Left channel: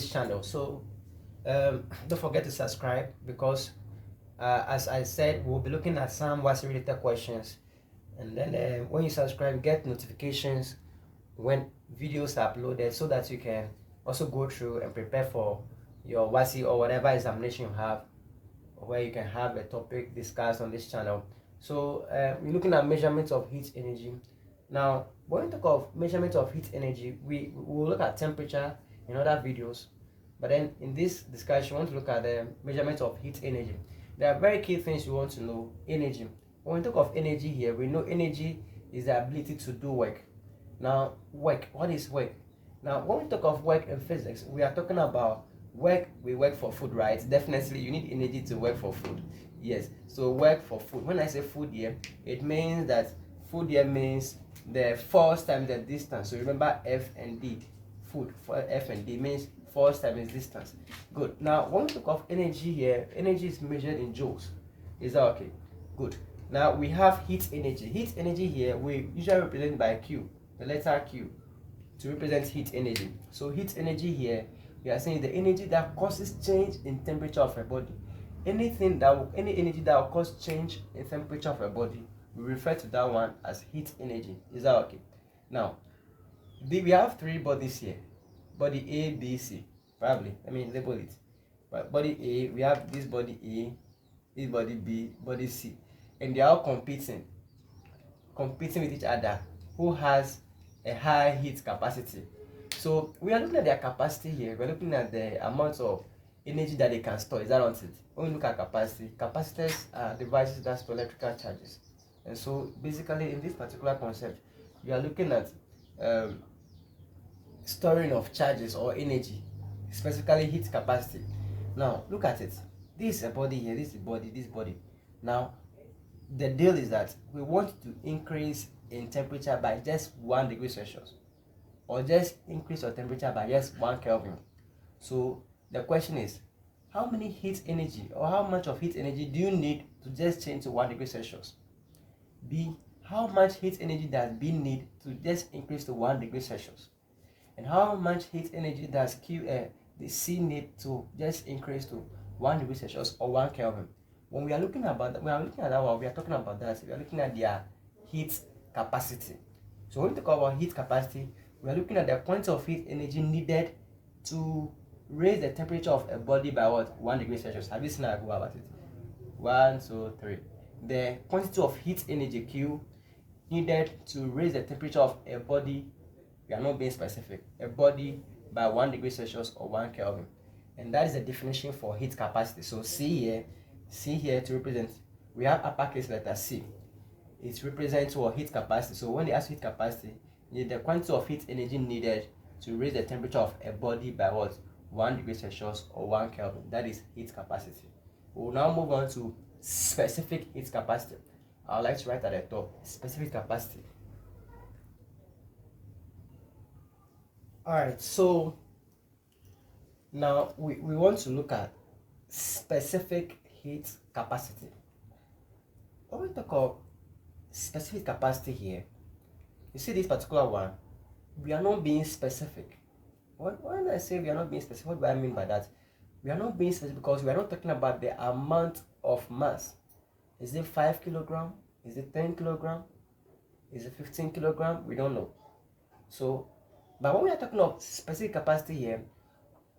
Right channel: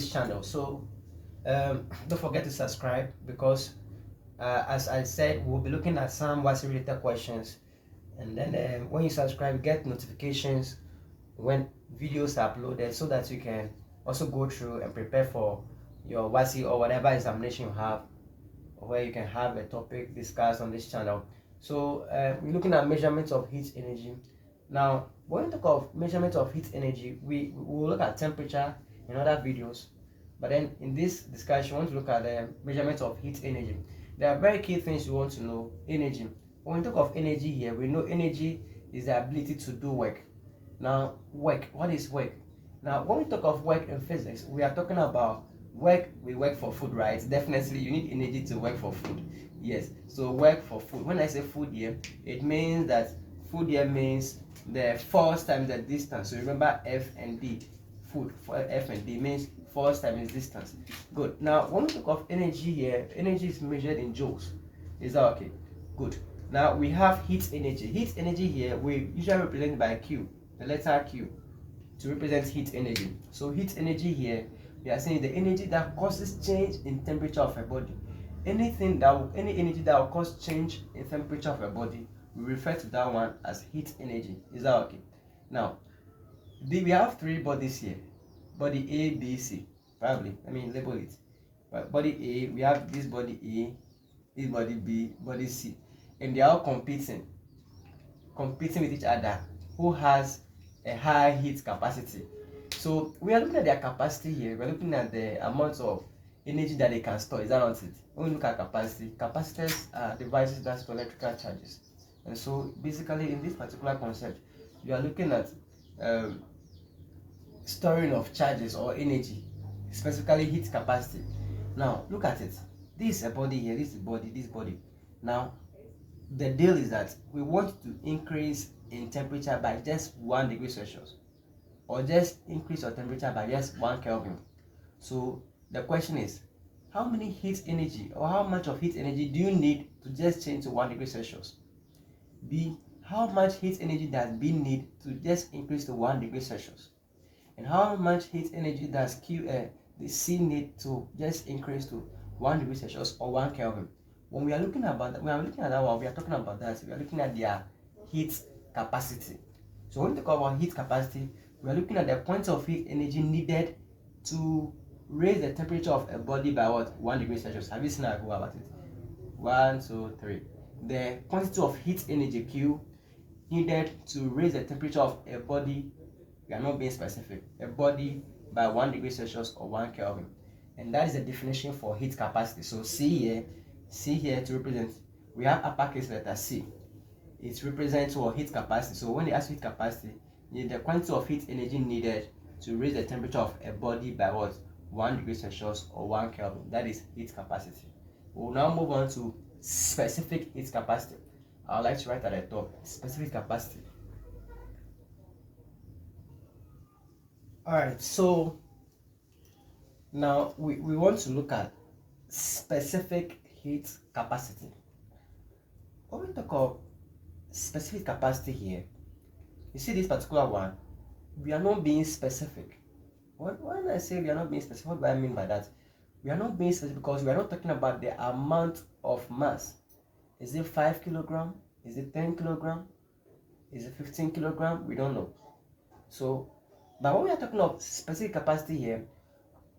this channel. So don't forget to subscribe, because as I said, we'll be looking at some WASI related questions, and then when you subscribe, you get notifications when videos are uploaded, so that you can also go through and prepare for your WASI or whatever examination you have, where you can have a topic discussed on this channel. So we're looking at measurements of heat energy. Now, when we talk of measurement of heat energy, we will look at temperature in other videos, but then in this discussion, we want to look at the measurement of heat energy. There are very key things you want to know. Energy. When we talk of energy here, we know energy is the ability to do work. Now, work. What is work? Now, when we talk of work in physics, we are talking about work. We work for food, right? Definitely, you need energy to work for food. Yes. So work for food. When I say food here, it means that food here means the force times the distance. So remember F and D. Food for F and D means force times distance. Good. Now, when we talk of energy here, energy is measured in joules. Is that okay? Good. Now we have heat energy. Heat energy here we usually represent by Q, the letter Q, to represent heat energy. So heat energy here, we are saying the energy that causes change in temperature of a body. Any energy that will cause change in temperature of a body, we refer to that one as heat energy. Is that okay? Now, we have three bodies here. Body A, B, C. Probably. I mean, label it. But body A, we have this body A, this body B, body C. And they are all competing with each other. Who has a high heat capacity? So we are looking at their capacity here. We're looking at the amount of energy that they can store. Is that not it? When we look at capacity, capacitors are devices that store electrical charges. And so basically in this particular concept, you are looking at storing of charges or energy, specifically heat capacity. Now look at it. This is a body here, this is body, this body. Now the deal is that we want to increase in temperature by just 1 degree Celsius, or just increase your temperature by just 1 Kelvin. So the question is, how many heat energy, or how much of heat energy do you need to just change to 1 degree Celsius? B, how much heat energy does B need to just increase to 1 degree Celsius? And how much heat energy does the C need to just increase to 1 degree Celsius or 1 Kelvin? When we are looking at that one, we are talking about that. We are looking at their heat capacity. So when we talk about heat capacity, we are looking at the quantity of heat energy needed to raise the temperature of a body by what? 1 degree Celsius. Have you seen how I go about it? 1, 2, 3. The quantity of heat energy Q needed to raise the temperature of a body, we are not being specific, a body by 1 degree Celsius or 1 Kelvin. And that is the definition for heat capacity. So C here to represent, we have uppercase letter C. It represents our heat capacity. So when they ask heat capacity, the quantity of heat energy needed to raise the temperature of a body by what? 1 degree Celsius or 1 Kelvin. That is heat capacity. We will now move on to specific heat capacity. I would like to write at the top, specific capacity. Alright, so now we want to look at specific heat capacity. When we talk of specific capacity here, you see this particular one, we are not being specific. When I say we are not being specific, what do I mean by that? We are not being specific because we are not talking about the amount of mass. Is it 5 kilogram? Is it 10 kilogram? Is it 15 kilogram? We don't know. So, but when we are talking of specific capacity here,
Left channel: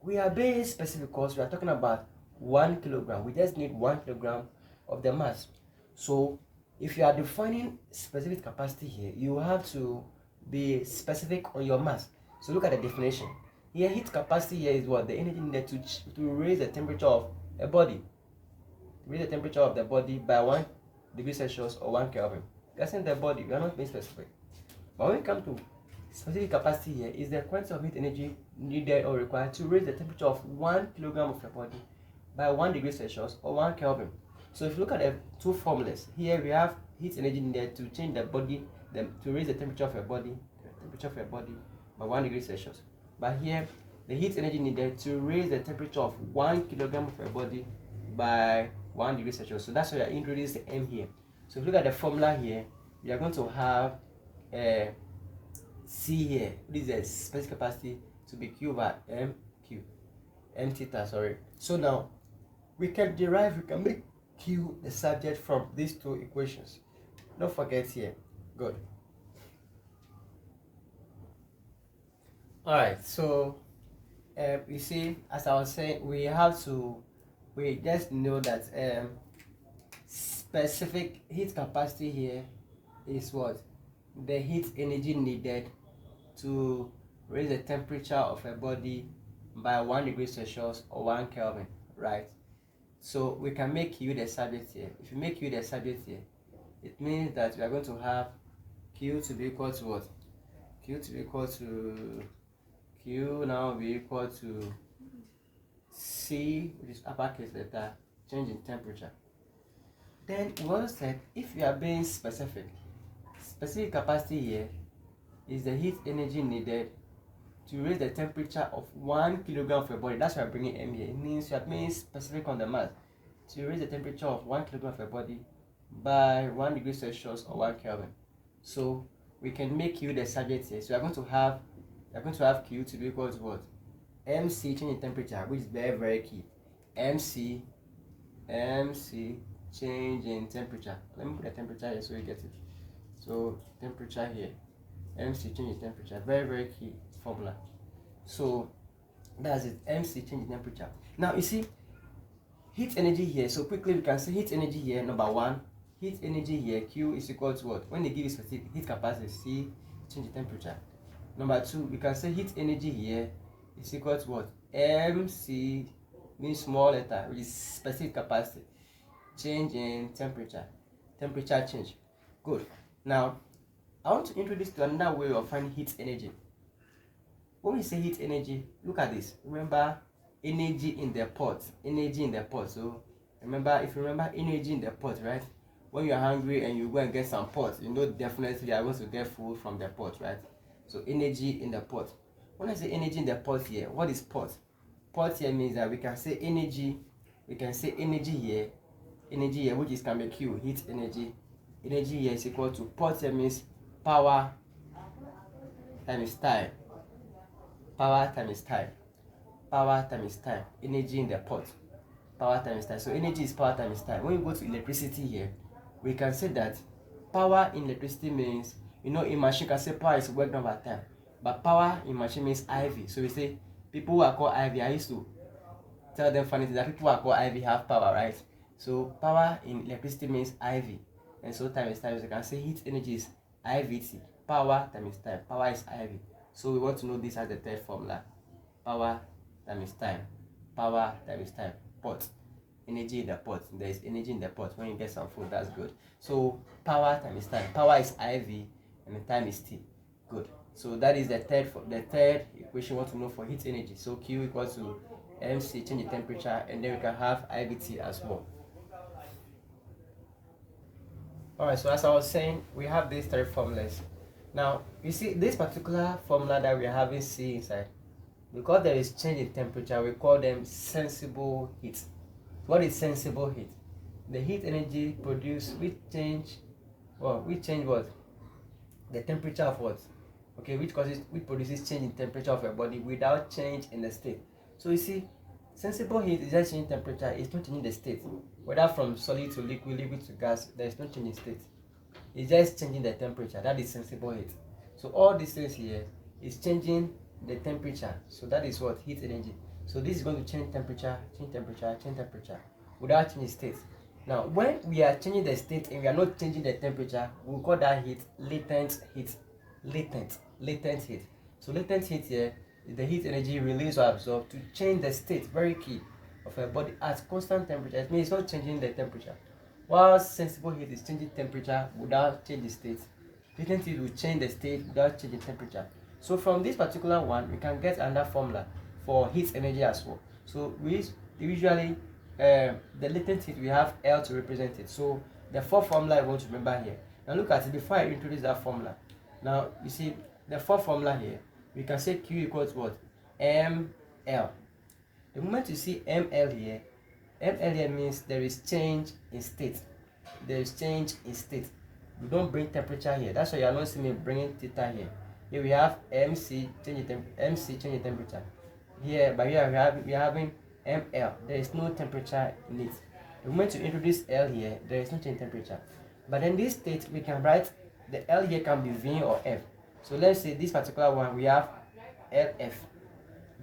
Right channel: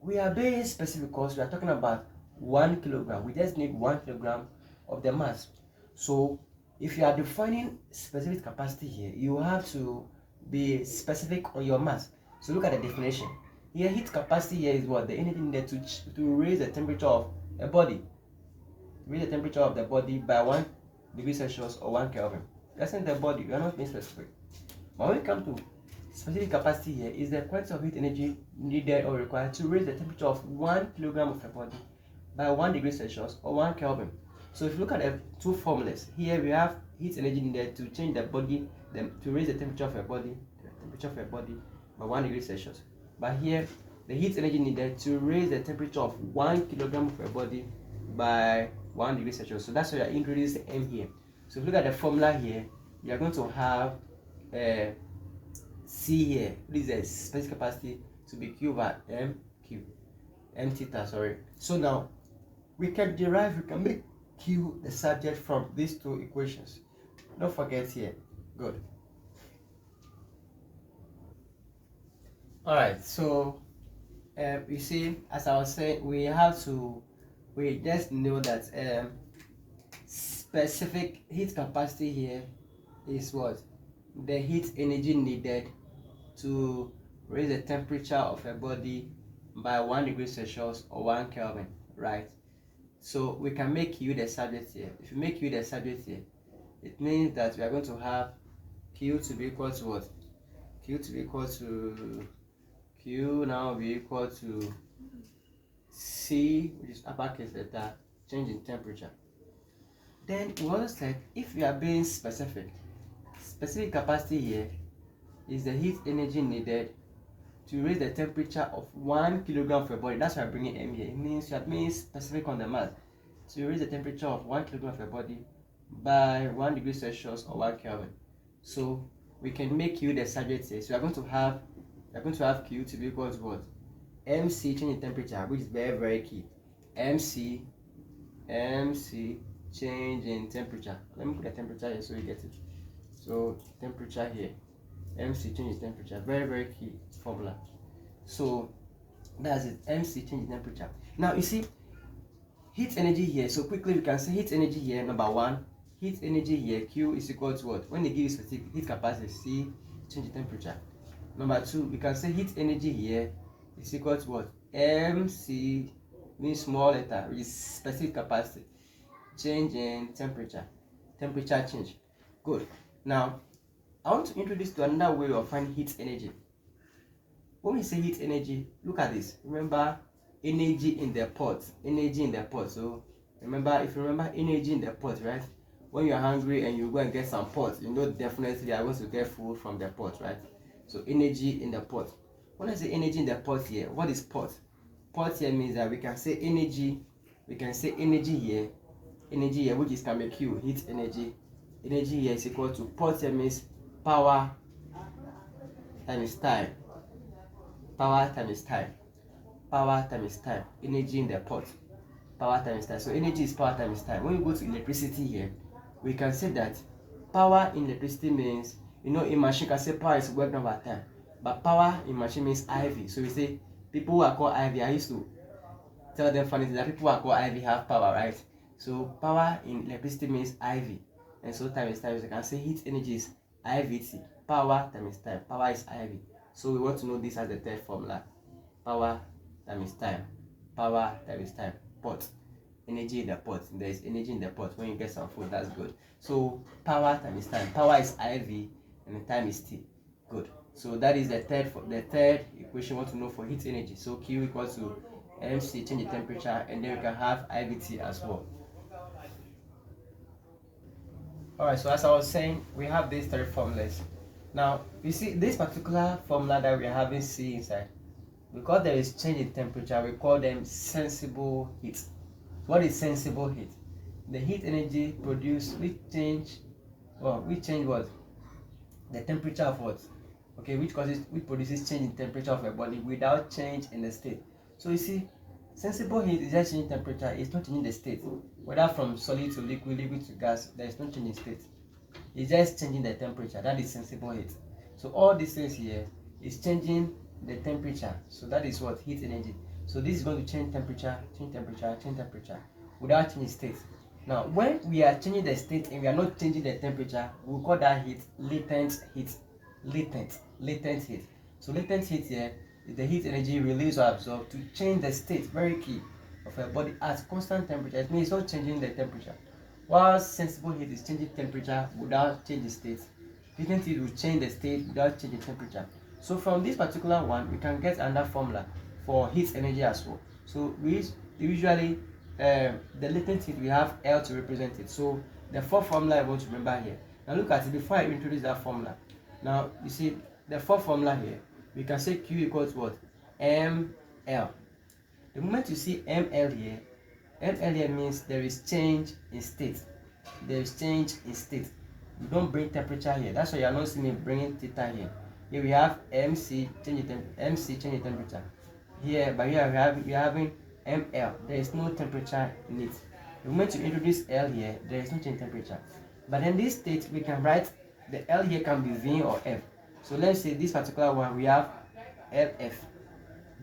we are being specific because we are talking about 1 kilogram. We just need 1 kilogram of the mass. So if you are defining specific capacity here, you have to be specific on your mass. So look at the definition. Here, heat capacity here is what? The energy needed to raise the temperature of a body. Raise the temperature of the body by 1 degree Celsius or 1 Kelvin. That's in the body. We are not being specific. But when we come to specific capacity here, is the quantity of heat energy needed or required to raise the temperature of 1 kilogram of a body by 1 degree Celsius or 1 Kelvin. So if you look at the two formulas, here we have heat energy needed to change the body, to raise the temperature of a body, by 1 degree Celsius. But here, the heat energy needed to raise the temperature of 1 kilogram of a body by 1 degree Celsius. So that's why I introduced the M here. So if you look at the formula here, we are going to have C here. This is the specific capacity to be Q over MQ. m theta, sorry. So now we can make Q the subject from these two equations. Don't forget here. Good. All right, so you see, as I was saying, we just know that specific heat capacity here is what? The heat energy needed to raise the temperature of a body by 1 degree Celsius or 1 Kelvin, right? So we can make Q the subject here. If you make Q the subject here, it means that we are going to have Q to be equal to what? Q to be equal to Q now will be equal to C, which is uppercase letter, change in temperature. Then we also said if we are being specific capacity here is the heat energy needed to raise the temperature of 1 kilogram of a body. That's why I'm bringing M here. It means you are being specific on the math. To raise the temperature of 1 kilogram of a body by 1 degree Celsius or 1 Kelvin. So we can make Q the subject here. So we are going to have Q to be equal to what? MC, change in temperature, which is very, very key. MC change in temperature. Let me put the temperature here so you get it. So temperature here, MC change in temperature, very, very key formula. So that's it, MC change in temperature. Now you see heat energy here. So quickly we can say heat energy here, number one, heat energy here, Q is equal to what? When they give you specific heat capacity, C change in temperature. Number two, we can say heat energy here is equal to what? MC means small letter, which is specific capacity, change in temperature change. Good. Now I want to introduce to another way of finding heat energy. When we say heat energy, look at this. Remember energy in the pot. So remember, if you remember energy in the pot, right? When you are hungry and you go and get some pot, you know definitely you are going to get food from the pot, right? So energy in the pot. When I say energy in the pot here, what is pot? Pot here means that we can say energy here, which is can be Q, heat energy. Energy here is equal to pot here means power times time. Power times time. Energy in the pot. Power times time. So energy is power times time. When we go to electricity here, we can say that power in electricity means, in machine can say power is work done by time, but power in machine means IV. So we say people who are called IV, I used to tell them funny things that people who are called IV have power, right? So power in electricity means IV, and so time is time. So you can say heat energy is IVT. Power times time. Power is IV. So we want to know this as the third formula. Power times time. Power times time. Pot. Energy in the pot. There is energy in the pot. When you get some food, that's good. So power times time. Power is IV and the time is T. Good. So that is the third equation we want to know for heat energy. So Q equals to MC, change the temperature, and then we can have IVT as well. Alright, so as I was saying, we have these three formulas. Now, you see this particular formula that we are having C inside, because there is change in temperature, we call them sensible heat. What is sensible heat? The heat energy produced, we change what? The temperature of what? Okay, which produces change in temperature of a body without change in the state. So you see, sensible heat is just changing temperature, it's not changing the state. Whether from solid to liquid to gas, there is no change in state. It's just changing the temperature. That is sensible heat. So all these things here is changing the temperature. So that is what? Heat energy. So this is going to change temperature without changing state. Now, when we are changing the state and we are not changing the temperature, we call that heat latent heat. Latent heat. So latent heat here is the heat energy released or absorbed to change the state, very key, of a body at constant temperature. It means it's not changing the temperature. While sensible heat is changing temperature without changing state. Latent heat will change the state without changing temperature. So from this particular one, we can get another formula for heat energy as well. So we usually the latent heat, we have L to represent it. So the fourth formula I want to remember here. Now look at it before I introduce that formula. Now you see the fourth formula here, we can say Q equals what? ML. The moment you see ML here means there is change in state. We don't bring temperature here. That's why you are not seeing me bringing theta here. Here we have MC change in temperature. here, but here we are having ml. There is no temperature in it. The moment you introduce L here, there is no change in temperature. But in this state, we can write the L here can be V or F. So let's say this particular one, we have LF.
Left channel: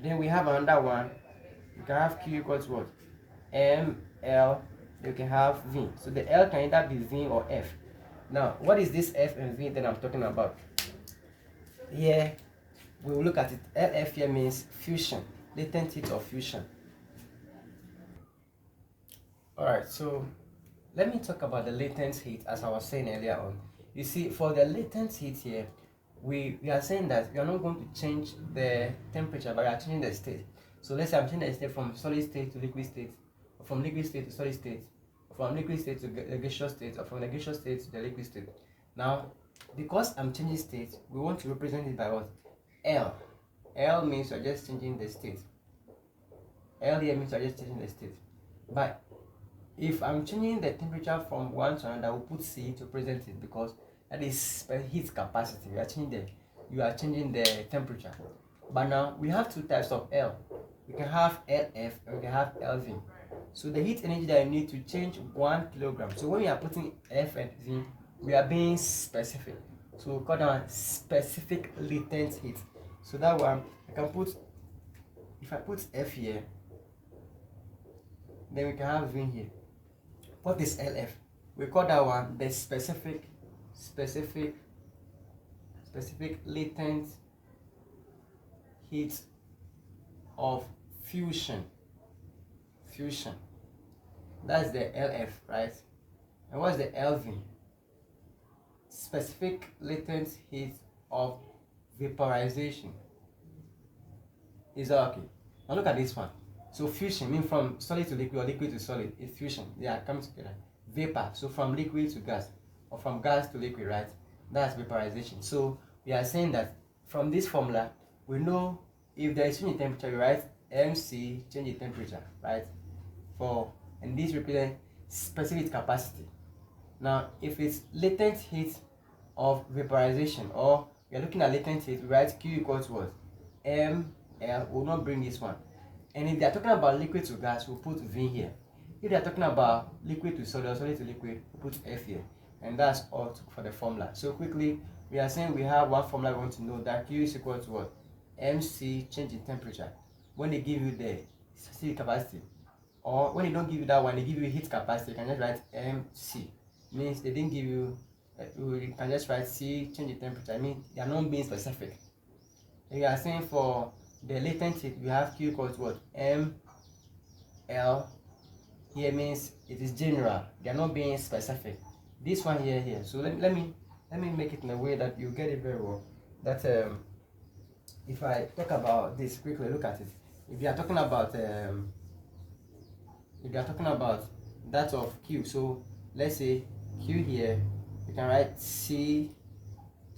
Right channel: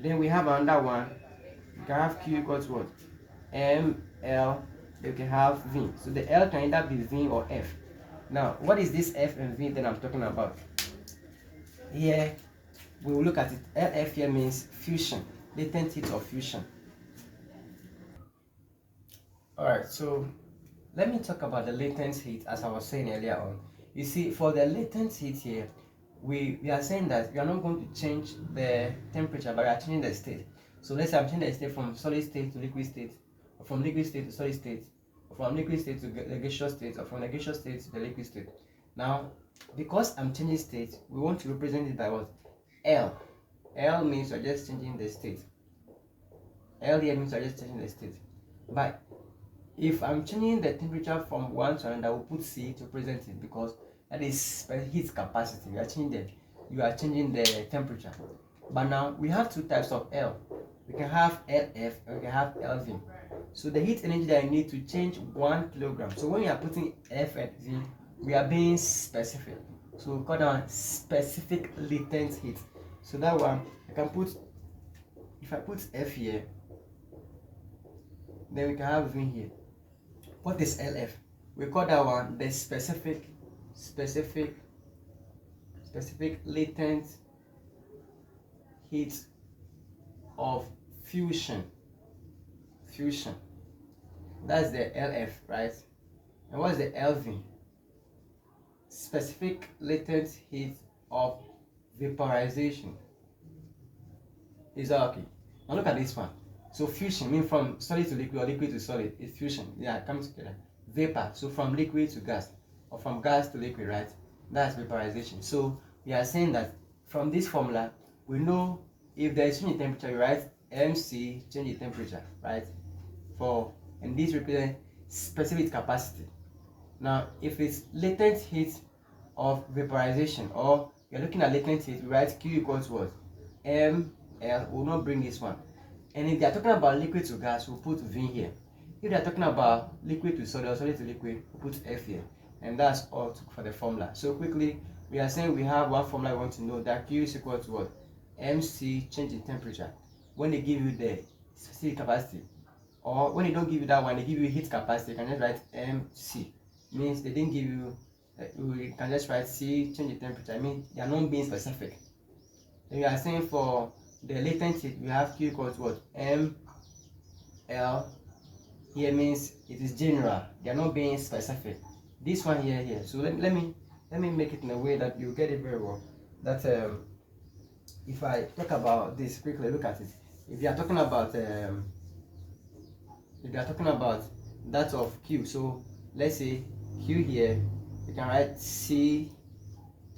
Then we have another one, we can have Q equals what? ML, then we can have V. So the L can either be V or F. Now, what is this F and V that I'm talking about? Here, we will look at it. LF here means fusion, latent heat of fusion. Alright, so let me talk about the latent heat as I was saying earlier on. You see, for the latent heat here, we are saying that we are not going to change the temperature, but we are changing the state. So let's say I'm changing the state from solid state to liquid state, or from liquid state to solid state, or from liquid state to the gaseous state, or from the gaseous state to the liquid state. Now, because I'm changing state, we want to represent it by what? L. L means you're just changing the state. L here means you're just changing the state. But if I'm changing the temperature from one to another, we'll put C to represent it, because that is heat capacity. You are changing the temperature. But now we have two types of L. We can have LF and we can have LV. So the heat energy that I need to change 1 kilogram. So when we are putting F and V, we are being specific. So we call that one specific latent heat. So that one I can put, if I put F here, then we can have V here. What is LF? We call that one the specific latent heat of fusion. That's the LF, right? And what's the LV? Specific latent heat of vaporization. Is that okay? Now look at this one. So fusion means from solid to liquid or liquid to solid. It's fusion. Yeah, comes together. Vapor, so from liquid to gas, or from gas to liquid, right? That's vaporization. So we are saying that from this formula, we know if there is change in temperature, we write MC, change in temperature, right? And this represents specific capacity. Now, if it's latent heat of vaporization, or we are looking at latent heat, we write Q equals what? ML. Will not bring this one. And if they are talking about liquid to gas, we'll put V here. If they are talking about liquid to solid or solid to liquid, we'll put F here. And that's all for the formula. So quickly, we are saying we have one formula we want to know, that Q is equal to what? MC, change in temperature. When they give you the specific capacity, or when they don't give you that one, they give you heat capacity, you can just write MC. Means they didn't give you, we can just write C, change in temperature. I mean, they are not being specific. And we are saying for the latent heat, we have Q equals what? ML. Here means it is general. They are not being specific. This one here. So let me make it in a way that you get it very well. That if I talk about this quickly, look at it. If you are talking about that of Q, so let's say Q here, you can write C,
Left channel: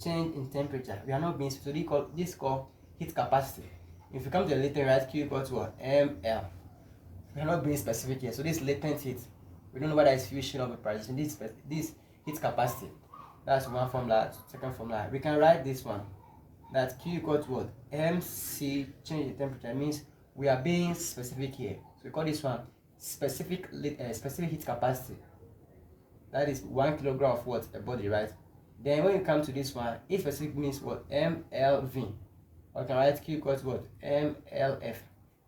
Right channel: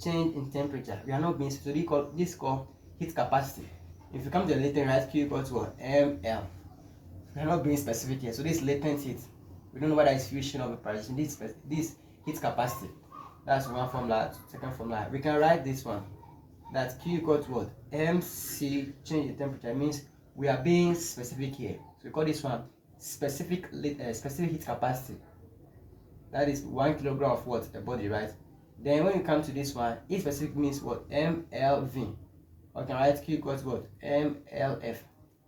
change in temperature. We are not being, so this is called heat capacity. If you come to the latent, write Q equals to what? ML. We are not being specific here. So this latent heat, we don't know whether it's fusion or vaporization. This heat capacity. That's one formula. Second formula. We can write this one. That Q equals to what? MC, change in temperature. Means we are being specific here. So we call this one specific heat capacity. That is 1 kilogram of what? A body, right? Then when we come to this one, E specific means what? MLV. Or can write Q equals to what? MLF.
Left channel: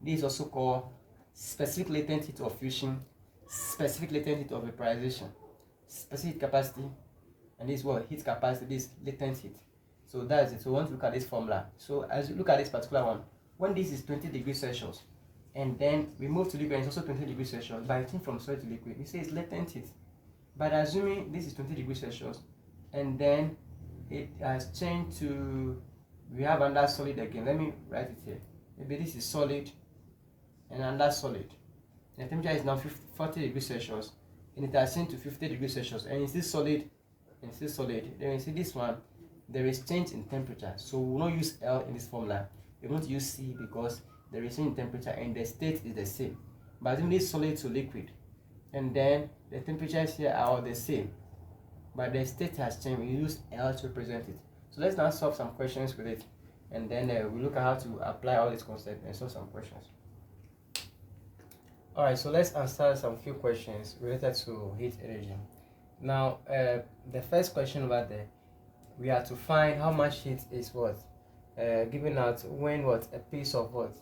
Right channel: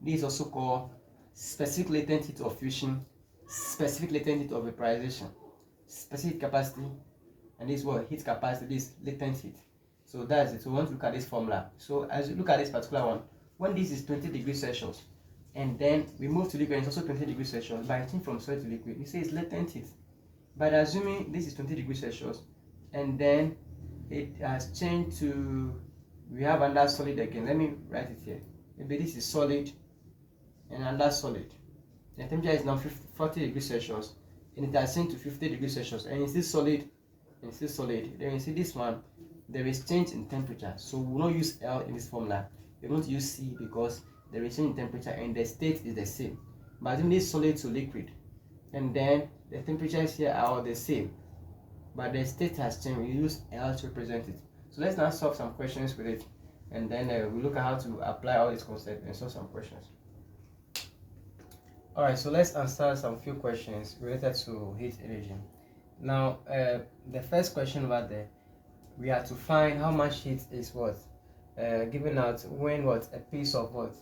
This is also called specific latent heat of fusion, specific latent heat of vaporization, specific capacity, and this is what? Heat capacity, this latent heat. So that's it. So we want to look at this formula. So as you look at this particular one, when this is 20 degrees Celsius, and then we move to liquid, and it's also 20 degrees Celsius, by changing from solid to liquid, we say it's latent heat. But assuming this is 20 degrees Celsius, and then it has changed to, we have another solid again. Let me write it here. Maybe this is solid and another solid. The temperature is now 40 degrees Celsius, and it has changed to 50 degrees Celsius, and it's still solid, and still solid. Then you see this one, there is change in temperature. So we will not use L in this formula. We're going to use C because there is change in temperature and the state is the same. But in this solid to liquid, and then the temperatures here are all the same, but the state has changed. We use L to represent it. So let's now solve some questions with it. and then we look at how to apply all these concepts and solve some questions. All right, so let's answer some few questions related to heat energy. Now, the first question over there, we have to find how much heat is what given out when what a piece of what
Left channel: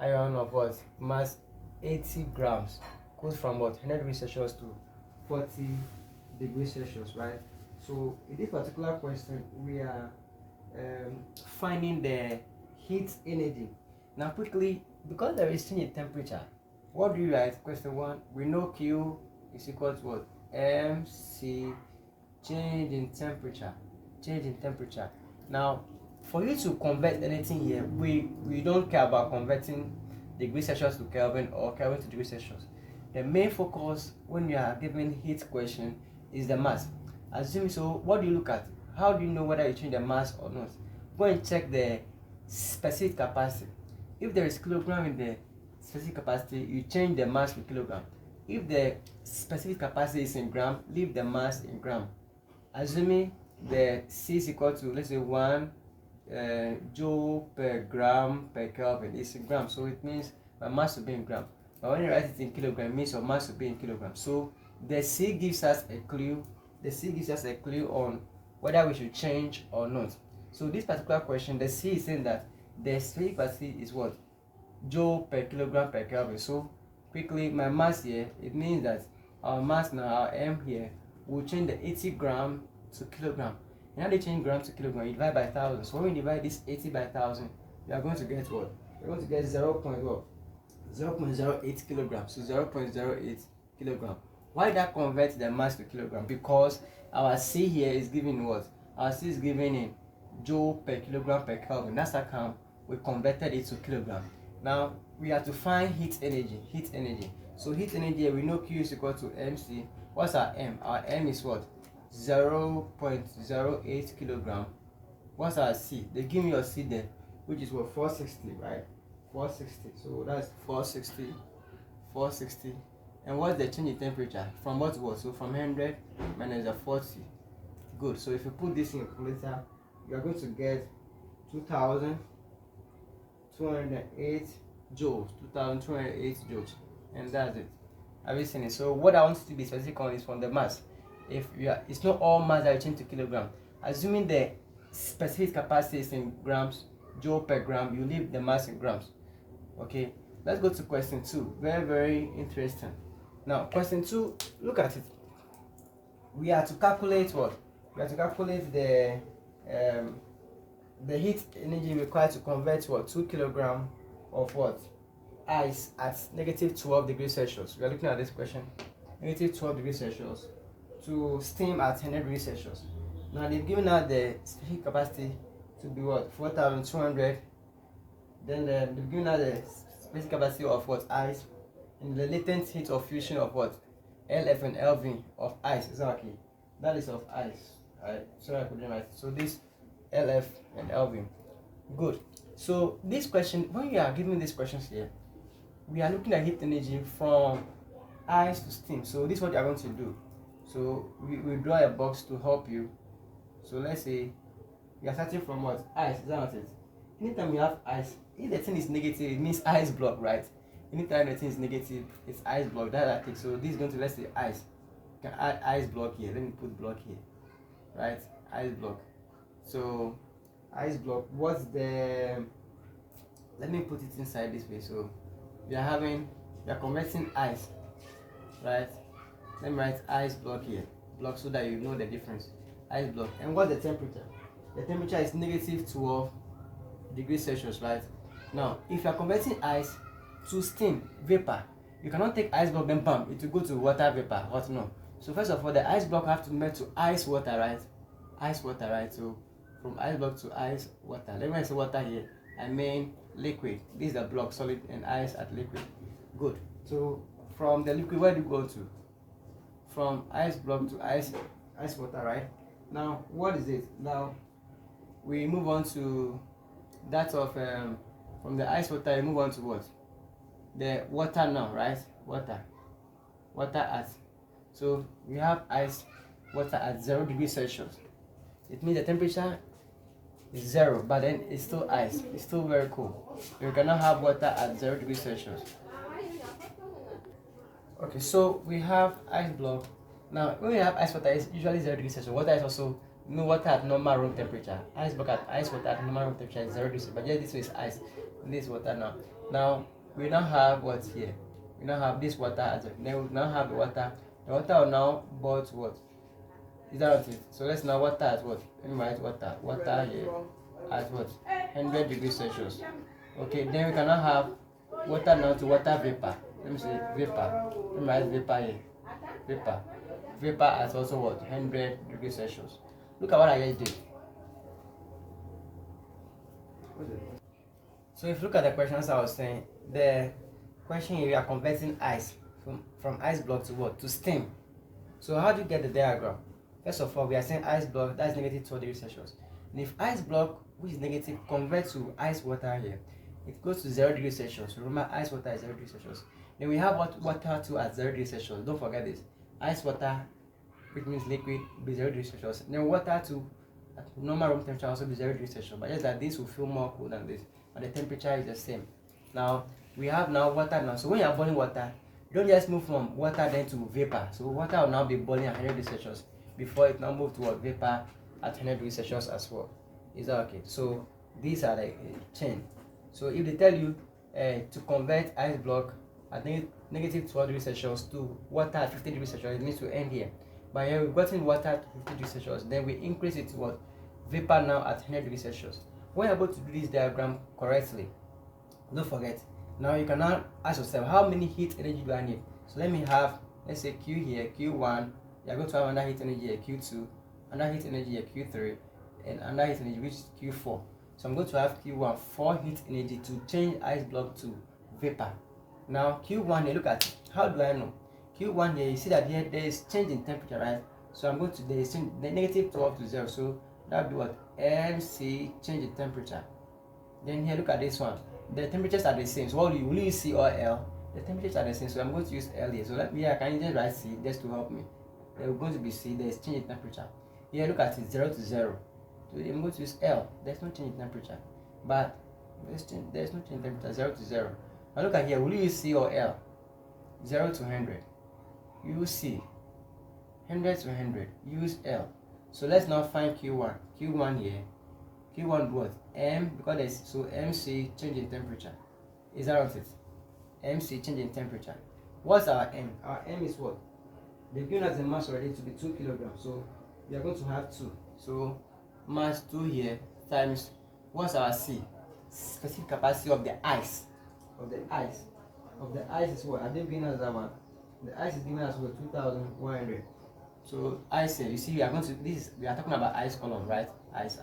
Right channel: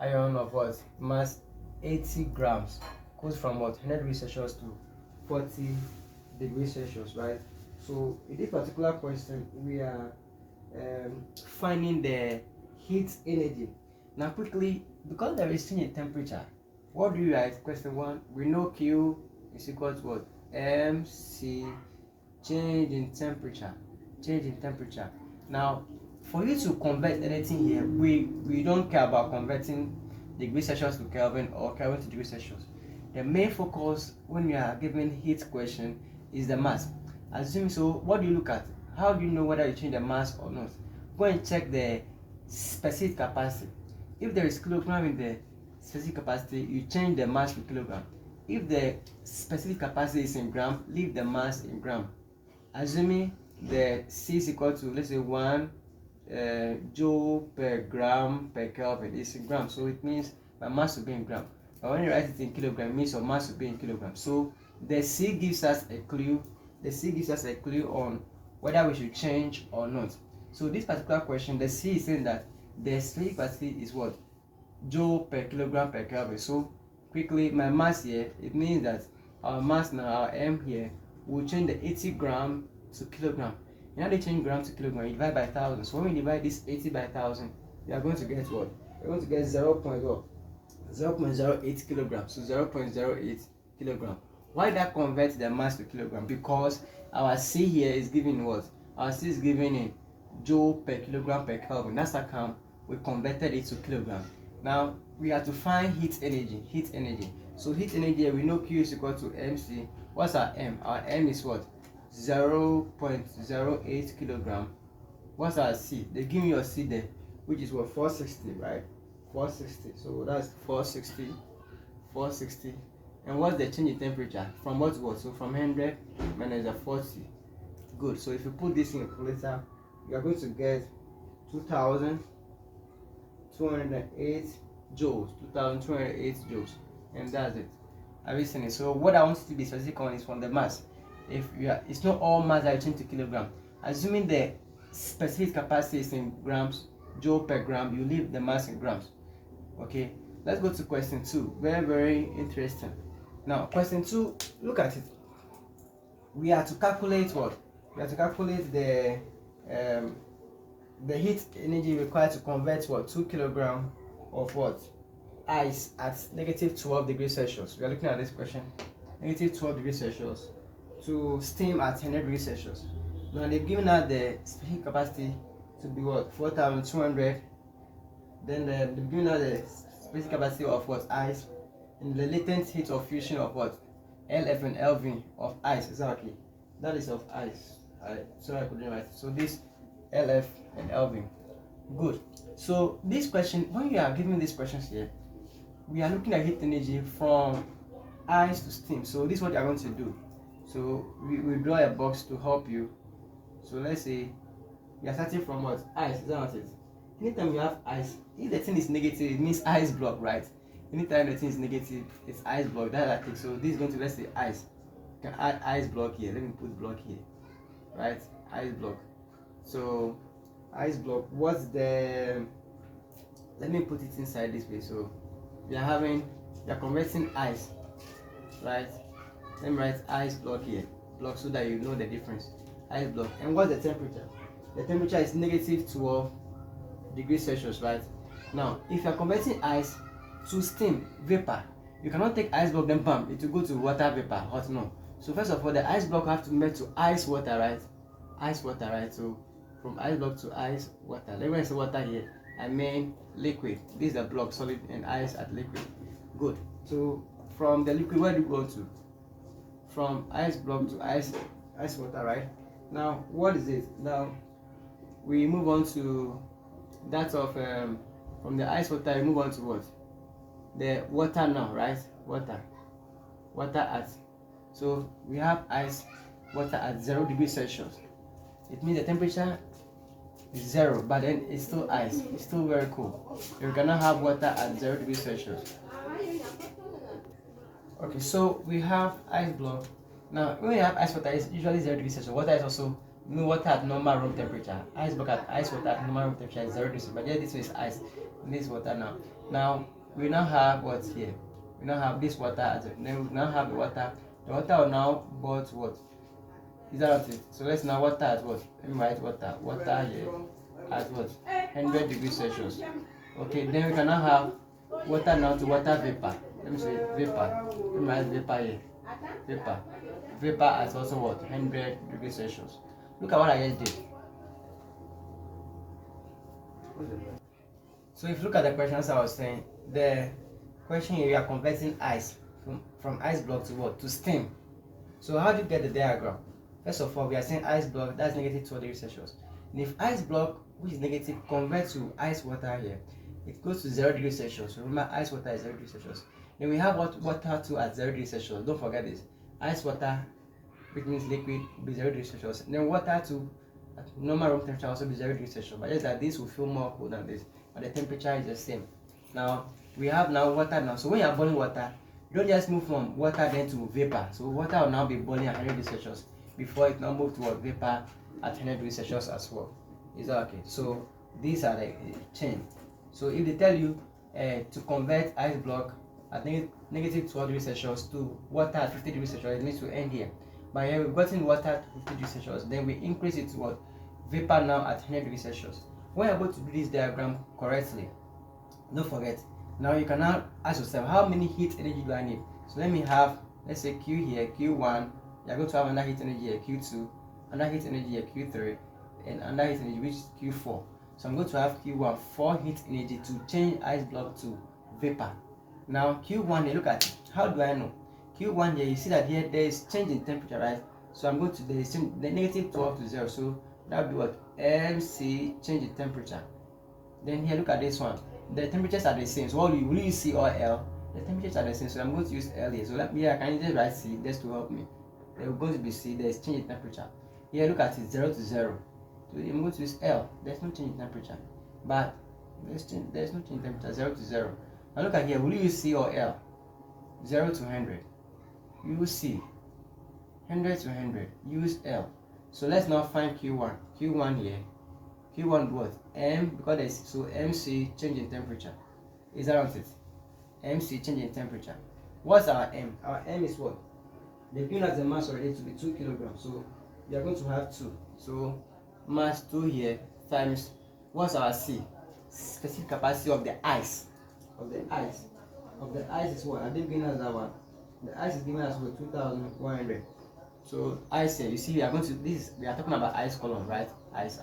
iron of what mass 80 grams goes from what 100 degrees Celsius to 40 degrees Celsius, right? So in this particular question, we are finding the heat energy. Now quickly, because there is change in temperature, what do you write? Question 1, we know Q is equal to what? MC, change in temperature. Now, for you to convert anything here, we don't care about converting degrees Celsius to Kelvin or Kelvin to degrees Celsius. The main focus when you are given heat question is the mass. Assuming so, what do you look at? How do you know whether you change the mass or not? Go and check the specific capacity. If there is kilogram in the specific capacity, you change the mass to kilogram. If the specific capacity is in gram, leave the mass in gram. Assuming the C is equal to, let's say, 1 joule per gram per Kelvin is in gram, so it means my mass will be in gram. But when you write it in kilogram, it means your mass will be in kilogram. So the C gives us a clue. On whether we should change or not. So this particular question, the C is saying that the specific capacity is what? Joule per kilogram per Kelvin. So quickly, my mass here, it means that our mass now, our M here, will change the 80 gram to kilogram. And how they change gram to kilogram? You divide by 1,000. So when we divide this 80 by 1,000, we are going to get what? We're going to get 0.08 kilograms. So 0.08 kilogram. Why that convert the mass to kilogram? Because our C here is given what? Our C is given in joule per kilogram per Kelvin. That's how come we converted it to kilogram. Now we have to find heat energy. So heat energy, we know Q is equal to MC. What's our M? Our M is what? 0.08 kilogram. What's our C? They give me your C there, which is what? 460, right? 460. So that's 460. And what's the change in temperature? From what to what? So from 100 minus the 40. Good. So if you put this in a calculator, you are going to get 2,208 joules. 2,208 joules. And that's it. Have you seen it? So what I want to be specific on is from the mass. If you are, it's not all mass that you change to kilogram. Assuming the specific capacity is in grams, joule per gram, you leave the mass in grams. Okay. Let's go to question 2. Very, very interesting. Now, question 2, look at it. We have to calculate what? We have to calculate the heat energy required to convert what? 2 kilograms of what? Ice at negative 12 degrees Celsius. We are looking at this question. Negative 12 degrees Celsius to steam at 100 degrees Celsius. Now, they've given out the specific capacity to be what? 4,200. Then they've given out the specific capacity of what? Ice. And the latent heat of fusion of what? LF and LV of ice, exactly. That is of ice. Sorry, I couldn't write. So this LF and LV. Good. So this question, when you are giving these questions here, we are looking at heat energy from ice to steam. So this is what you are going to do. So we draw a box to help you. So let's say we are starting from what? Ice, is that what it is? Anytime we have ice, if the thing is negative, it means ice block, right? Anytime the thing is negative, it's ice block. That's it. So this is going to, let's say, ice. You can add ice block here. Let me put block here, right? Ice block. So ice block. What's the? Let me put it inside this way. So we are converting ice, right? Let me write ice block here, block, so that you know the difference. Ice block. And what's the temperature? The temperature is negative 12 degrees Celsius, right? Now, if you are converting ice to steam, vapor, you cannot take ice block then bam, it will go to water vapor, hot, no. So first of all, the ice block have to melt to ice water, right? Ice water, right? So from ice block to ice water. Let me say water here, I mean liquid. This is the block, solid, and ice at liquid. Good. So from the liquid, where do you go to? From ice block to ice water, right? Now what is it? Now we move on to that of from the ice water, you move on to what? The water now, right? Water at, so we have ice water at 0 degrees Celsius. It means the temperature It's 0, but then it's still ice. It's still very cool. You cannot have water at 0 degrees Celsius. Okay, so we have ice block. Now, when we have ice water, it's usually 0 degrees Celsius. Water is also water at normal room temperature. Ice block at ice water at normal room temperature is 0 degrees. But yeah, this is ice. This is water now. Now we now have what's here. We now have this water at 0. Then we now have the water. The water will now boil to what? Is that what it is? So let's now water at what? Let me write water. Water here at what? 100 degrees Celsius. Okay, then we can now have water now to water vapor. Let me say vapor. Let me write vapor here. Vapor. Vapor at also what? 100 degrees Celsius. Look at what I just did. So if you look at the questions I was saying, the question here, we are converting ice from ice block to what? To steam. So how do you get the diagram? First of all, we are saying ice block, that's negative 12 degrees Celsius. And if ice block, which is negative, converts to ice water here, it goes to 0 degrees Celsius. Remember, ice water is 0 degrees Celsius. Then we have water too at 0 degrees Celsius. Don't forget this. Ice water, which means liquid, will be 0 degrees Celsius. Then water too at normal room temperature also be 0 degrees Celsius. But just that this will feel more cool than this. But the temperature is the same. Now we have now water now. So when you are boiling water, you don't just move from water then to vapor. So water will now be boiling at 100 degrees Celsius before it now move to vapor at 100 degrees Celsius as well. Is that okay? So these are the chain. So if they tell you to convert ice block at negative 12 degrees Celsius to water at 50 degrees Celsius, it needs to end here. But here we've gotten water at 50 degrees Celsius, then we increase it to what? Vapor now at 100 degrees Celsius. When you're able to do this diagram correctly, don't forget, now you can now ask yourself, how many heat energy do I need? So let me have, let's say Q here, Q1, you're going to have another heat energy here, Q2, another heat energy here, Q3, and another heat energy which is Q4. So I'm going to have Q1, 4 heat energy to change ice block to vapor. Now Q1 here, look at it. How do I know? Q1 here, you see that here there is change in temperature, right? So I'm going to, there is the negative 12 to 0, so that would be what? MC, change in temperature. Then here, look at this one. The temperatures are the same. So what will you C or L? The temperatures are the same. So I'm going to use L here. So let me, I can just write C just to help me. There is going to be C. There is change in temperature. Here, look at it, 0 to 0. So I'm going to use L. There's no change in temperature. But there's no change in temperature, 0 to 0. Now look at here. Will you use C or L? 0 to 100. Use C. 100 to 100. Use L. So let's now find Q1. Q1 here. Q1 what? M, because there's, so MC, change in temperature. Is that what it is? MC, change in temperature. What's our M? Our M is what? They've given us the mass already to be 2 kilograms. So we are going to have 2. So mass 2 here times, what's our C? Specific capacity of the ice. Of the ice. Of the ice is what? Have they given us that one? The ice is given us what? 2,100. So ice here, you see, we are going to this. We are talking about ice column, right? Ice.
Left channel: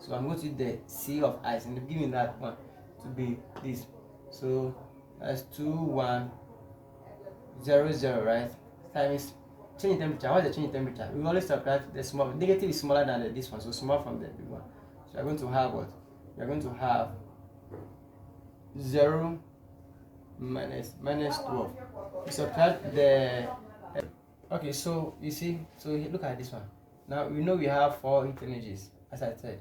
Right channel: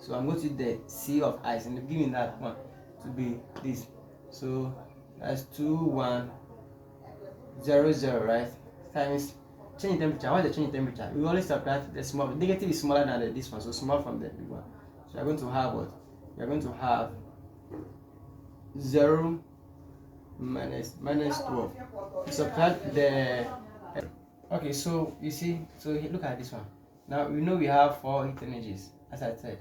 So I'm going to the C of ice, and they're giving that one to be this. So that's 2100, right? Times change in temperature. What's the change in temperature? We always subtract the small. Negative is smaller than this one, so small from the big one. So we're going to have what? We're going to have 0 minus 12. We subtract the. Okay, so you see, so look at this one. Now we know we have 4 heat energies, as I said.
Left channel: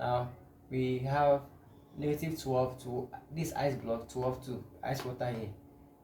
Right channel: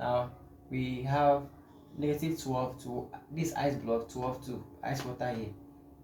Now we have negative 12 to this ice block, 12 to ice water here.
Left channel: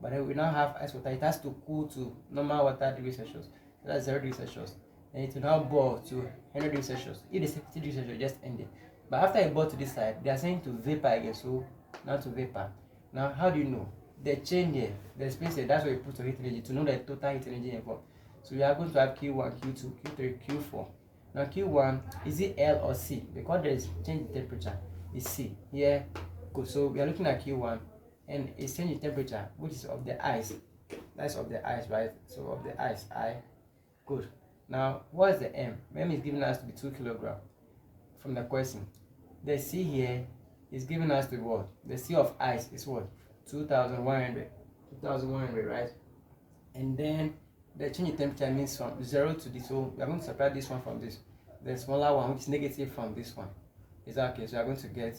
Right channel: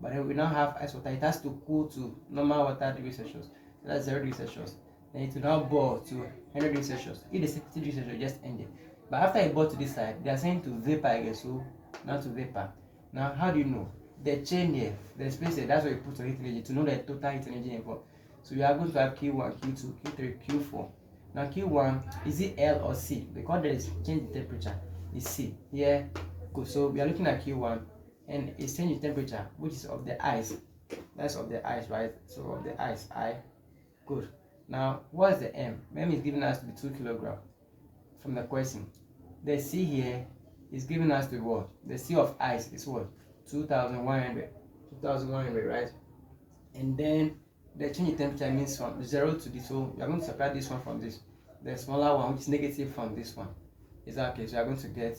But then we now have ice water. It has to cool to normal water degrees Celsius. So that's 0 degrees Celsius. Then it will now boil to 100 degrees Celsius. If it's 50 degrees Celsius, just end it. But after it boils to this side, they are saying to vapor again. So now to vapor. Now how do you know? The chain here, the space here, that's where you put your heat energy to know the total heat energy involved. So you are going to have Q1, Q2, Q3, Q4. Now Q1, is it L or C? Because there is change in temperature, it's C. Here, good. So we are looking at Q1, and it's change in temperature, which is of the ice. That's of the ice, right? So of the ice, I. Good. Now, what is the M? M is giving us to be 2 kilograms from the question. The C here is giving us to be what? The C of ice is what? 2,100. 2,100, right? And then the change in temperature means from 0 to this. So we are going to separate this one from this. The smaller one, which is negative from this one. Is that okay? So we are going to get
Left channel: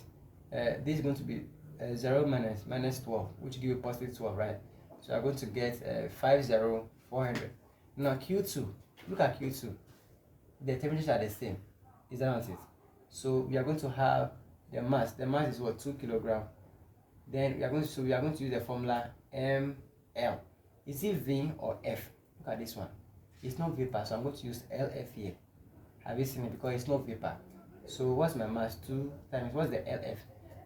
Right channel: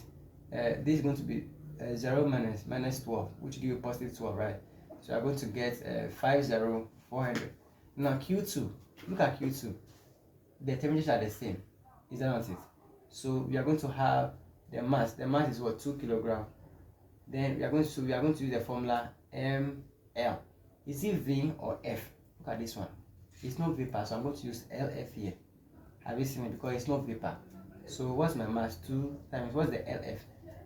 this is going to be 0 minus 12, which give you positive 12, right? So we are going to get 50,400. Now Q2, look at Q2. The temperatures are the same. Is that not it? So we are going to have the mass. The mass is what, 2 kilogram. Then we are going to use the formula ml. Is it V or F? Look at this one. It's not vapor, so I'm going to use LF here. Have you seen it? Because it's not vapor. So what's my mass? 2 times what's the LF?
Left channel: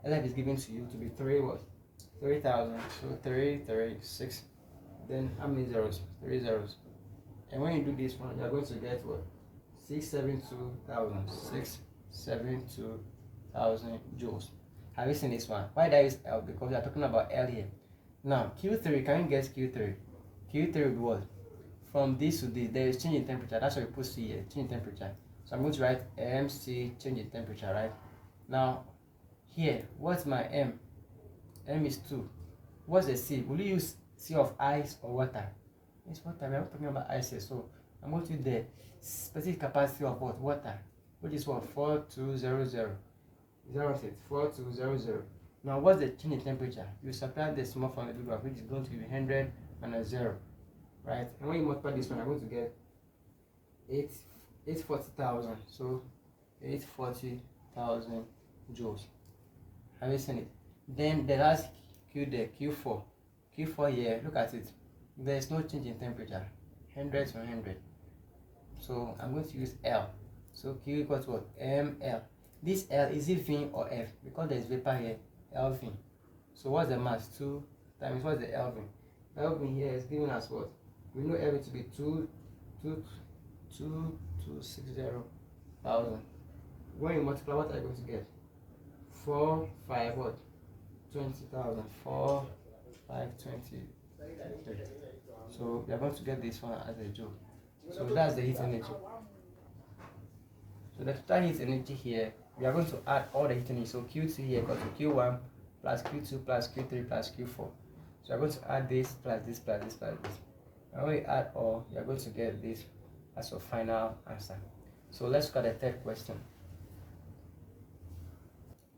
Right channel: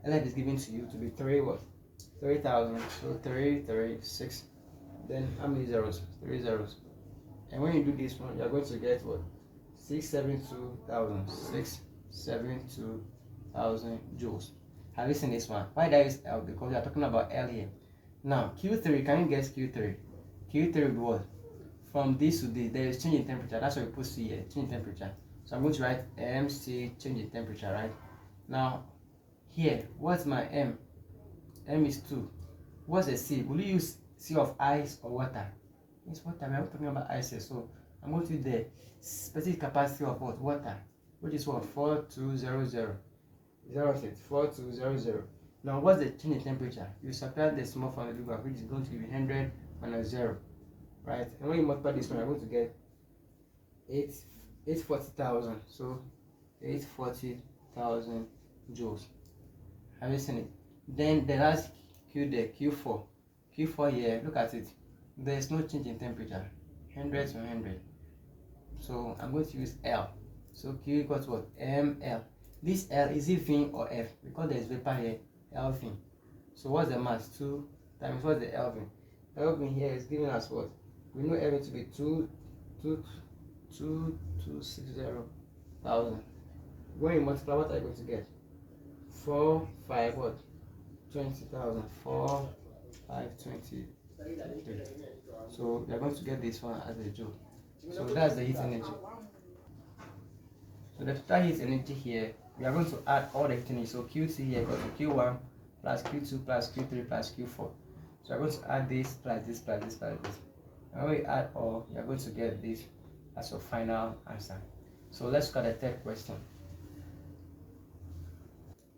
LF is given to you to be 3,000. So 336. Then how many zeros? 3 zeros. And when you do this one, you are going to get what? 672,000. 672,000 joules. Have you seen this one? Why did I use L? Because we are talking about L here. Now Q3, can you guess Q3? Q3 will be what? From this to this, there is change in temperature. That's why we put C here, change in temperature. So I'm going to write MC, change in temperature, right? Now here, what's my M? M is 2. What's the C? Will you use C of ice or water? It's water. We're not talking about ice here. So I'm going to use the specific capacity of what? Water, which is what? 4200. 4200. Now what's the change in temperature? You subtract the small from the big one, which is going to be 100 minus 0, right? And when you multiply this one, I'm going to get 840,000. So 840,000 joules. Have you seen it? Then the last Q there, Q4 here, look at it. There is no change in temperature, 100 to 100. So I'm going to use L. So Q equals what? ml. This L, is it V or F? Because there is vapor here, Lv. So what's the mass? 2 times what's the Lv? Lv here is giving us what? We know Lv to be 2,260,000. When you multiply, what are you going to get? 4, 5, what? 20,000. 4, 5, 20. So we are going to get this one as a joule. So that's the heat energy. So the total heat energy here, we are going to add all the heat energy. So Q2 here equals to Q1 plus Q2 plus Q3 plus Q4. So we are going to add this plus this plus this plus this. And when we add all, you are going to get this as your final answer. So let's look at the third question.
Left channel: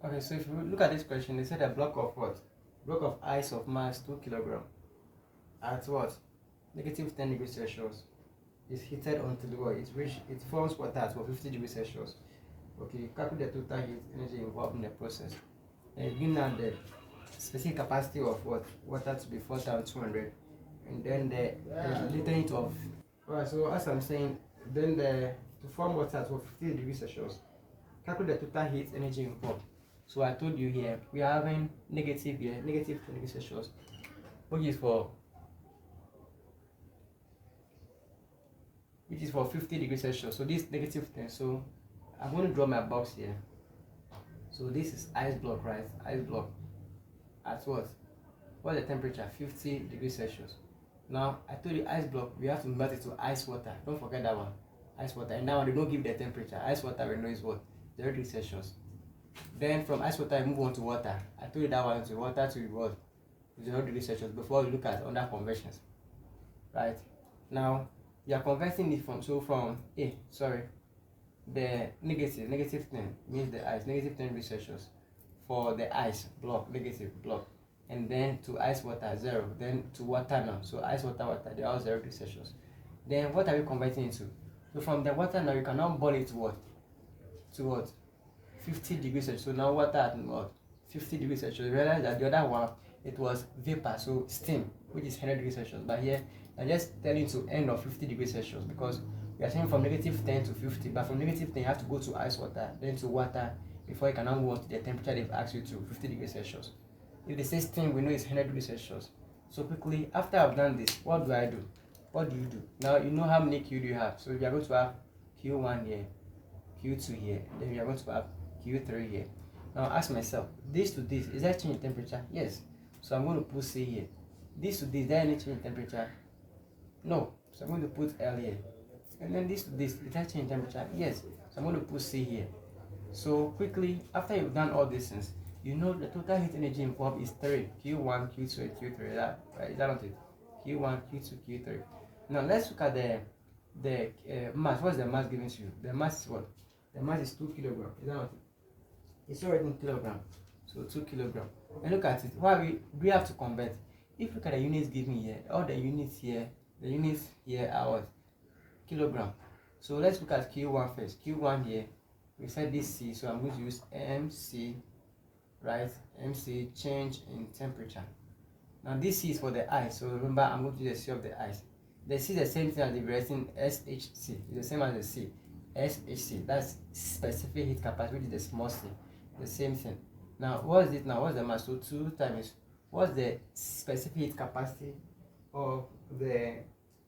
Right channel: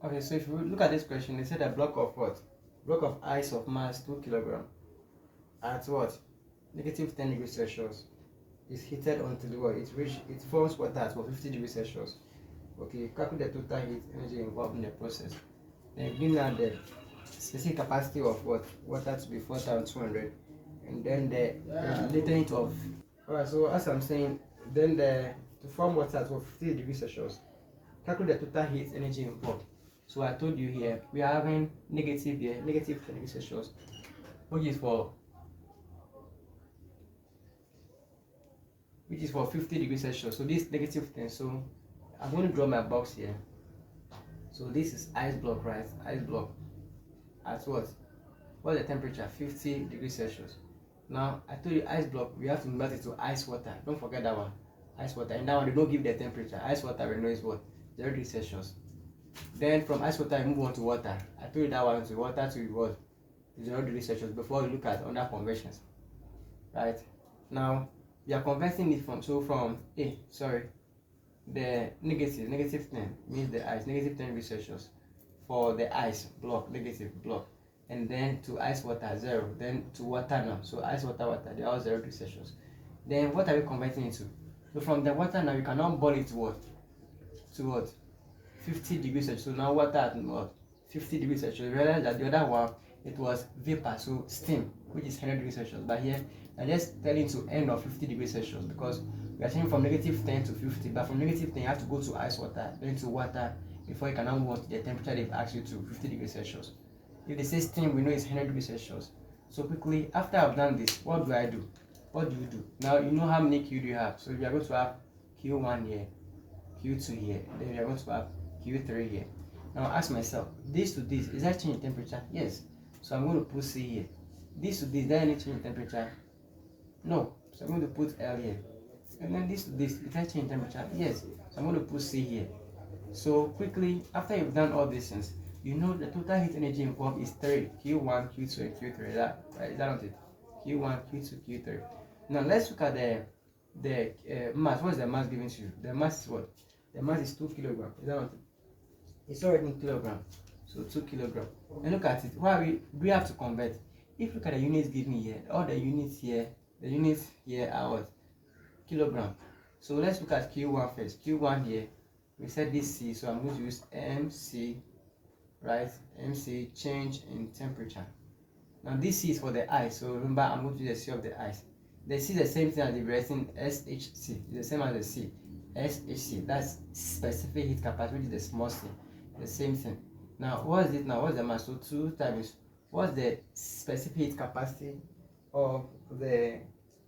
Okay, so if you look at this question, they said a block of what? Block of ice of mass 2 kilogram at what? Negative 10 degrees Celsius is heated until the what? It forms water at what? 50 degrees Celsius. Okay, calculate the total heat energy involved in the process. Then bring out the specific capacity of what? Water to be 4,200, and then the latent of. Alright, so as I'm saying, then to form water at what? 50 degrees Celsius, calculate the total heat energy involved. So I told you here we are having negative here, negative 10 degrees Celsius, which is for 50 degrees Celsius. So this negative 10. So I'm going to draw my box here. So this is ice block, right? Ice block at what? What's the temperature? 50 degrees Celsius. Now I told you ice block, we have to convert it to ice water. Don't forget that one. Ice water. And that one they don't give the temperature. Ice water we know is what? 0 degrees Celsius. Then from ice water I move on to water. I told you that one to water to what? 0 degrees Celsius before we look at other conversions. Right? Now we are converting it from the negative 10 means the ice, negative 10 degrees Celsius for the ice block, negative block, and then to ice water 0, then to water now. So ice water, they are all 0 degrees Celsius. Then what are we converting into? So from the water now you can now boil it to what? 50 degrees Celsius. So now water at what? 50 degrees Celsius. You realize that the other one it was vapor, so steam, which is 100 degrees Celsius. But here I'm just telling to end of 50 degrees Celsius because we are saying from negative 10 to 50, but from negative 10 you have to go to ice water, then to water before you can now move on to the temperature they've asked you to, 50 degrees Celsius. If they say steam, we know it's 100 degrees Celsius. So quickly, after I've done this, what do I do? What do you do? Now you know how many Q do you have. So you are going to have Q1 here, Q2 here, then we are going to have Q3 here. Now ask myself, this to this, is that change in temperature? Yes. So I'm going to put C here. This to this, is there any change in temperature? No. So I'm going to put L here. And then this to this, is that change in temperature? Yes. So I'm going to put C here. So quickly, after you've done all these things, you know the total heat energy involved is 3. Q1, Q2, and Q3. Is that not it? Q1, Q2, Q3. Now let's look at the mass. What's the mass given to you? The mass is what? The mass is 2 kilograms. Is that not it? It's already in kilogram. So 2 kilograms. And look at it. Why we have to convert? If you look at the units given here, all the units here are what? Kilogram. So let's look at Q1 first. Q1 here We said this C, so I'm going to use MC, right? MC, change in temperature. Now this C is for the ice, so remember I'm going to use the C of the ice. The C is the same thing as the written SHC. It's the same as the C. SHC, that's specific heat capacity, which is the small c. The same thing. Now what is it now? What's the mass? So 2 times what's the specific heat capacity of the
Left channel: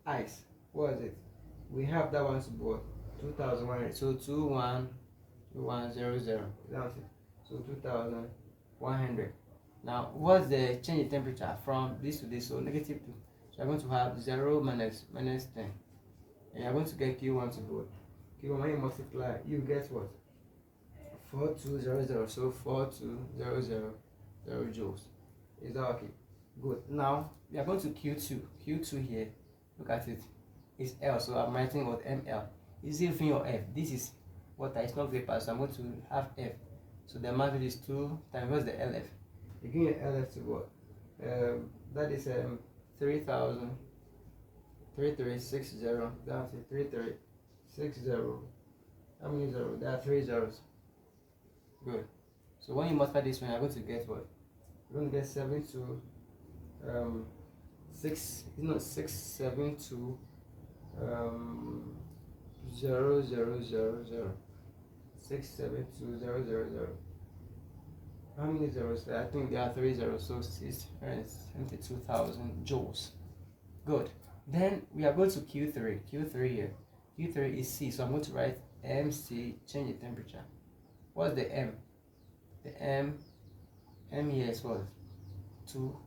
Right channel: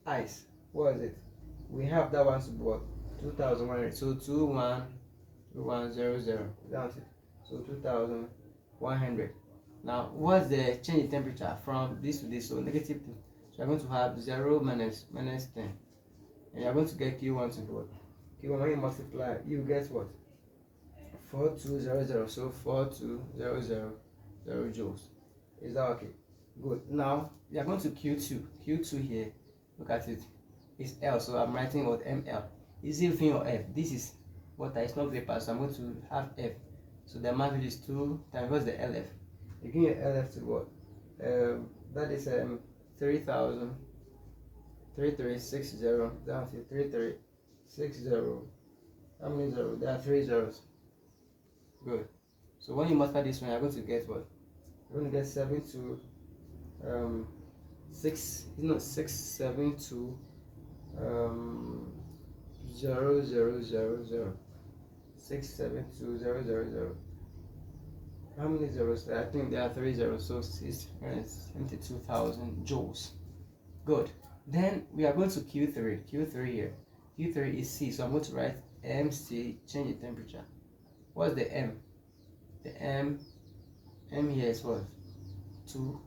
ice? What is it? We have that one to be what? 2100. So 21100. That's it. So 2100. Now what's the change in temperature from this to this? So negative 2. So you're going to have 0 minus 10. And you're going to get Q1 to be what? Q1, when you multiply, you get what? 4200. So 4200 joules. Is that okay? Good. Now we are going to Q2. Q2 here. Look at it. It's L. So I'm writing what? ML. Is it within your F? This is water. It's not vapor. So I'm going to have F. So the amount is 2 times what's the LF? You give me LF to what? That is 3000. 3360 down to 3360. How many zeros? There are 3 zeros. Good. So when you multiply this one, you're going to get what? You're going to get 72 6, you know, 672 0 0 0 0 672 0 0 0. How many zeros? I think there are 3 zeros, so 672,000 joules. Good. Then we are going to Q3. Q3 here. Q3 is C, so I'm going to write MC, change in temperature. What's the M? The M here is what? 2.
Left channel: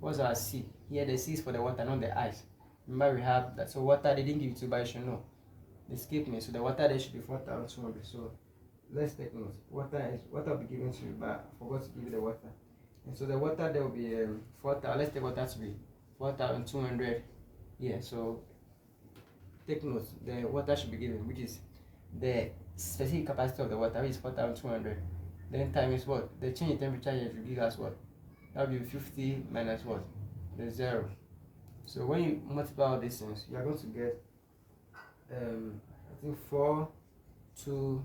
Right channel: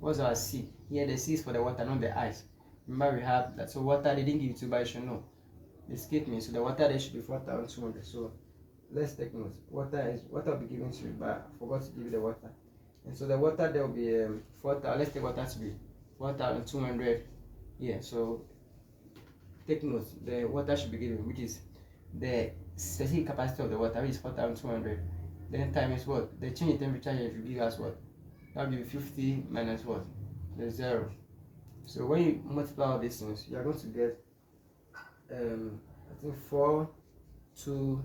What's our C? Here the C is for the water, not the ice. Remember we have that. So water, they didn't give it to you, but you should know. They skipped me. So the water there should be 4,200. So let's take note. Water will be given to you, but I forgot to give you the water. And so the water there will be 4,000. Let's take water to be 4,200. Yeah, so take note, the water should be given, which is the specific capacity of the water, which is 4,200. Then times what? The change in temperature here should give us what? That will be 50 minus what? The 0. So when you multiply all these things, you are going to get I think 4 to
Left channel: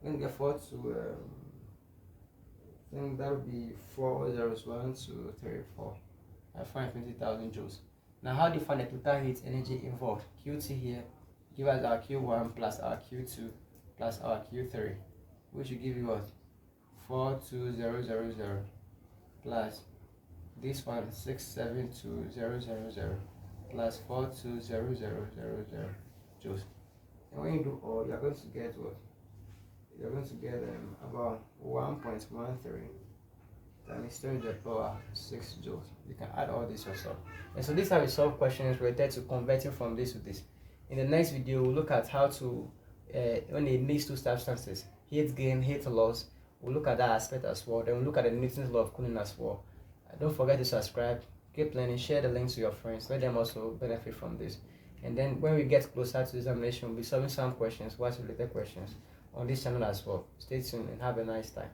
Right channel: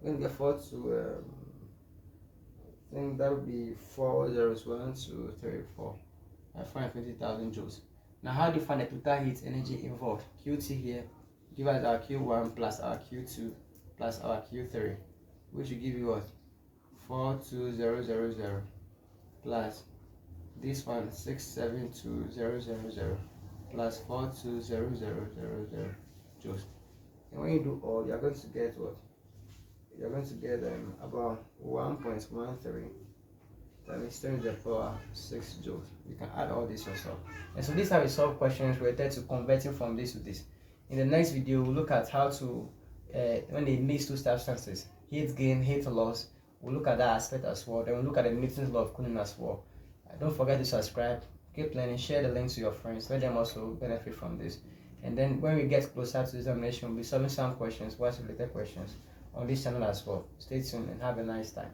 when you get 4 to I think that would be 4 zeros, 1 2 3 4. I find 20,000 joules. Now how do you find the total heat energy involved? QT here, give us our Q1 plus our Q2 plus our Q3, which will give you what? 42000 plus this one 672,000 plus 420,000 joules. And when you do all, you're going to get what? You're going to get about 1.13 times 10 to the power 6 joules. You can add all this yourself. And so this is how we solve questions related to converting from this to this. In the next video, we'll look at how to, when they mix two substances, heat gain, heat loss. We'll look at that aspect as well. Then we'll look at the Newton's law of cooling as well. Don't forget to subscribe, keep learning, share the link to your friends, let them also benefit from this. And then when we get closer to examination, we'll be solving some questions, what's related questions on this channel as well. Stay tuned and have a nice time.